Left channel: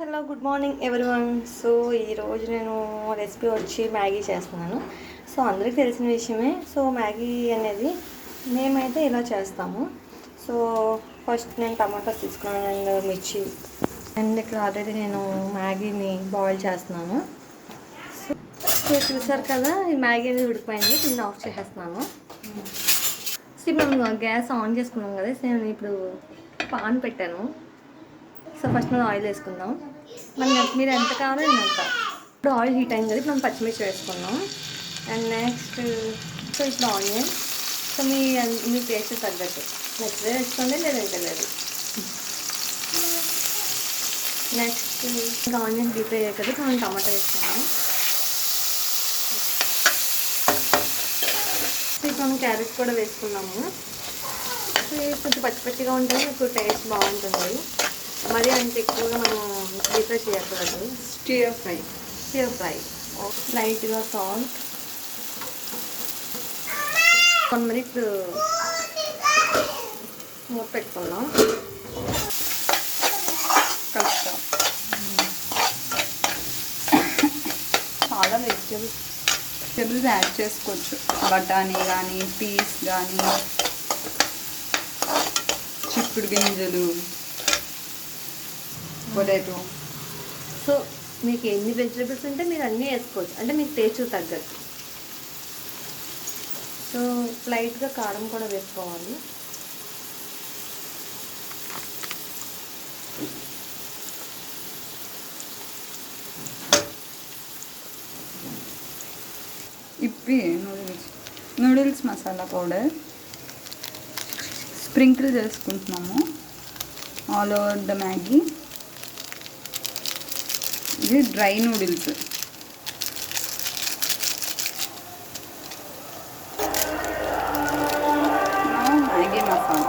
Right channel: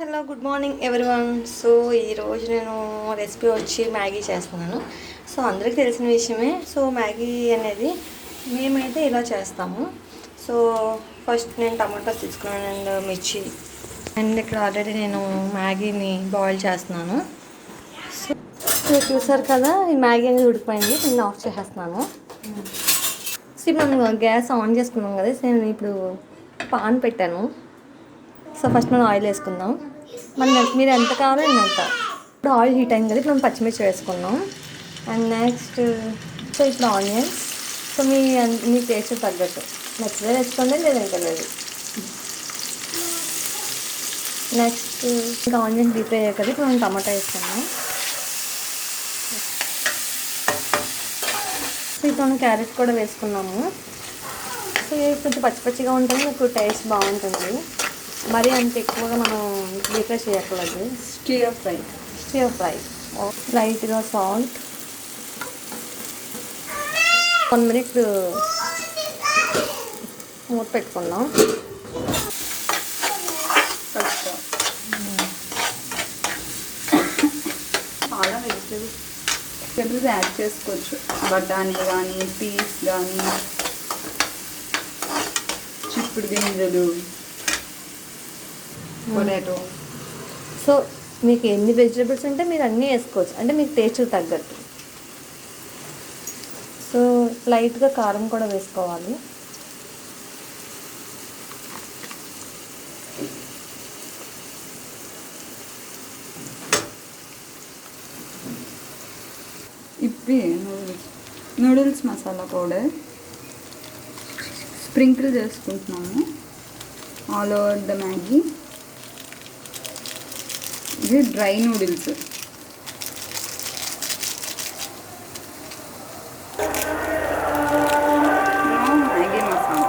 Hello good morning everyone. So ఈరోజు నేను recipe వచ్చి మ్యాగీ చేస్తున్నాను. సో అందరికీ తెలిసిన విషయమే. సో మ్యాగీ అనేది మేమైతే ఇలా చేస్తాము. సో ఫస్ట్ నేను టమాటాస్ తీసుకున్నాను అండ్ మిర్చి అండ్ ఇక్కడ ఆల్రెడీ నేను మ్యాగీని బాయిల్ చేస్తున్నాను. సో చూసారు కదా, ఈ మ్యాగీ అనేది ఉడికిపోయింది. నేను ఆఫ్ చేసేస్తున్నాను. సో మేము గ్యాస్ ఆన్ చేసుకున్నాం కదా, సో నేను ఇప్పుడు పాన్ పెట్టాను. సో ఫస్ట్ మనం ఆయిల్ వేసుకుందాం. మీరు ఎంత కావాలో అంత. ఇప్పుడు ఆయిల్ హీట్ అయింది కదా, ఇప్పుడు మనం పచ్చిమిర్చి వేసుకున్నాం. అండ్ నెక్స్ట్ సో ఇప్పుడు ఆనియన్స్. సో మీ టేస్ట్ తగ్గట్టు నచ్చితే వేసుకోండి, లేదంటే లేదు. నెక్స్ట్ ఇంకా ఆనియన్స్ డీప్ అయ్యాయి కదా, ఇప్పుడు మనం టమాటా వేసుకున్నాం. సో ఇప్పుడు మనం క్యారెట్ కూడా వేసుకున్నాము. సో ఇది కొంచెం పచ్చి పచ్చిగా ఉంటుంది, మీకు టేస్ట్ బాగుంటుంది. మరీ అంత ఎక్కువగా మనం డీప్ ఫ్రై చేయకూడదు. స్టిర్ ఫ్రై లైట్గా సాల్ట్. 1 minute మూత పెట్టుకుందాం. చాలా వెజిటేబుల్స్ యాడ్ చేసుకోవచ్చు. బఠానీ కానీ, పీస్ కానీ, చిక్కుడు గింజలు, పొటాటో. సో మీకు ఎన్ని వెజిటేబుల్స్ ఉంటే మీరు అన్నీ వేసుకోవచ్చు, అంటే మీకు టేస్ట్ తగ్గట్టు. సో లైట్గా కారం కూడా వేసుకోవాలి. Yippee noodles masala powder sprinkle చేసుకుంటున్నాము ఆల్ ఓవర్ ద మ్యాగీ. ఇది dry noodles. Maggi masala.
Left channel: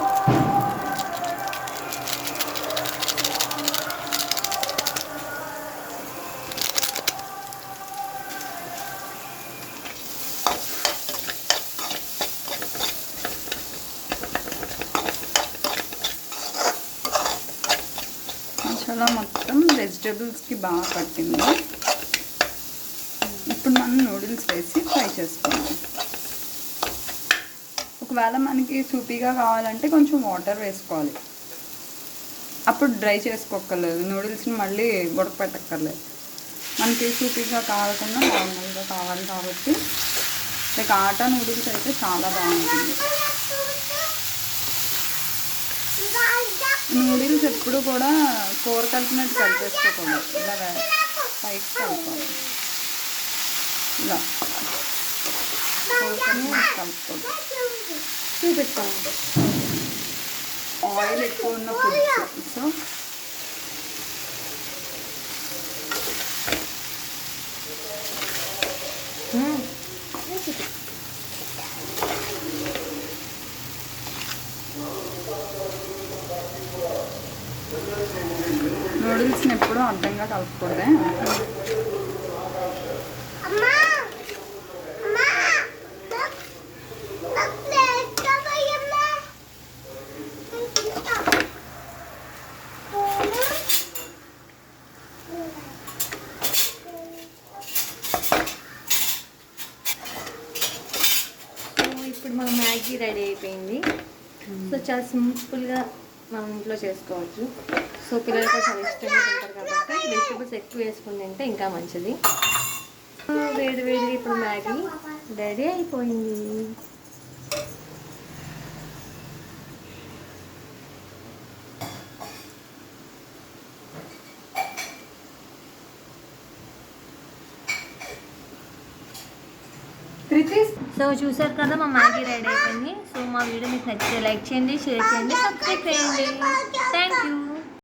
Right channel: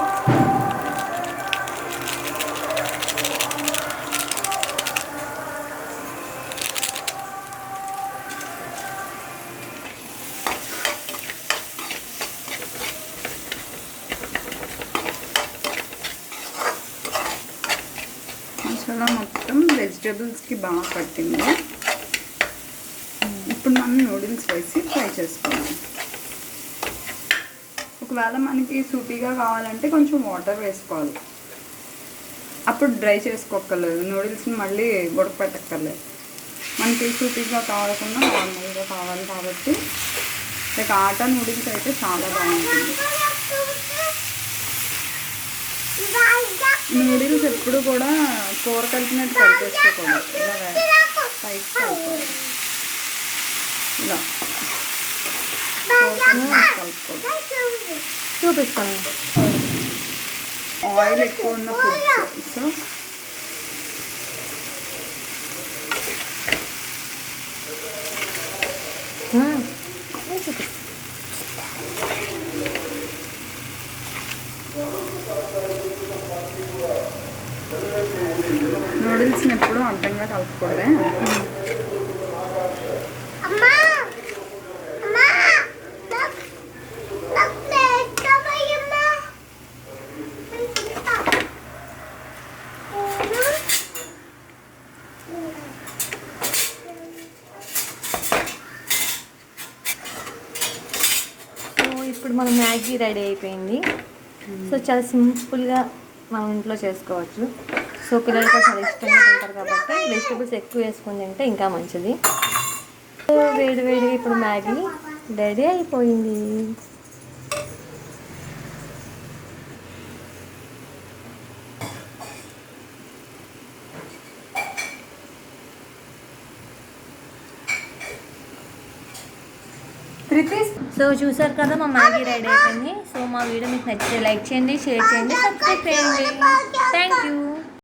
Masala మొత్తం వెజిటేబుల్స్కి బాగా పట్టింది. ఇప్పుడు మనం నూడిల్స్ వేసి ఫ్రై చేసుకున్నాం. ఒకవేళ మనకి సూపీగా కావాలంటే కొంచెం వాటర్ వేసుకోవాలి. అప్పుడు డ్రై చేసుకోక్కర్లేదు, నూడిల్స్ని మళ్ళీ ఉడకపెట్టక్కర్లేదు. మనకి సూపీగా కావాలకుండా నార్మల్గా కావాలి కాబట్టి లైక్ ఆటా నూడిల్స్ అయితే చాలా బాగుంటుంది. నూడిల్స్ ఎప్పుడు కూడా కూర కలిపినట్టు కలిపేసుకోకూడదు. ఇలా పైకి కలుపుకోవాలి. ఇలా కలుపుకోవాలి. చూపిస్తాను. ఆయిల్ ఎక్కువ ఉన్న ఫుడ్స్. సో నూడిల్స్ని ఎప్పుడూ అర్థంగా కలుపుకోలే. ఇప్పుడు మన మ్యాగీ రెడీ అయిపోయింది. సో చాలా సింపుల్గా మనం ఇంట్లో చేసుకోవచ్చు. సో పిల్లలు కూడా చాలా ఇష్టంగా తింటారు కాబట్టి వెజిటేబుల్స్ ఎక్కువ వేసుకొని తింటే ఇంకా మంచిది. సో వేడి వేడి ఇప్పుడు మ్యాగీ రెడీ అయిపోయింది. సో చూసారు కదా, మా మ్యాగీ రెడీ అయిపోయింది. సో మా వీడియో మీకు నచ్చితే లైక్ చేయండి, షేర్ చేయండి, సబ్స్క్రైబ్ చేయండి. Thank you.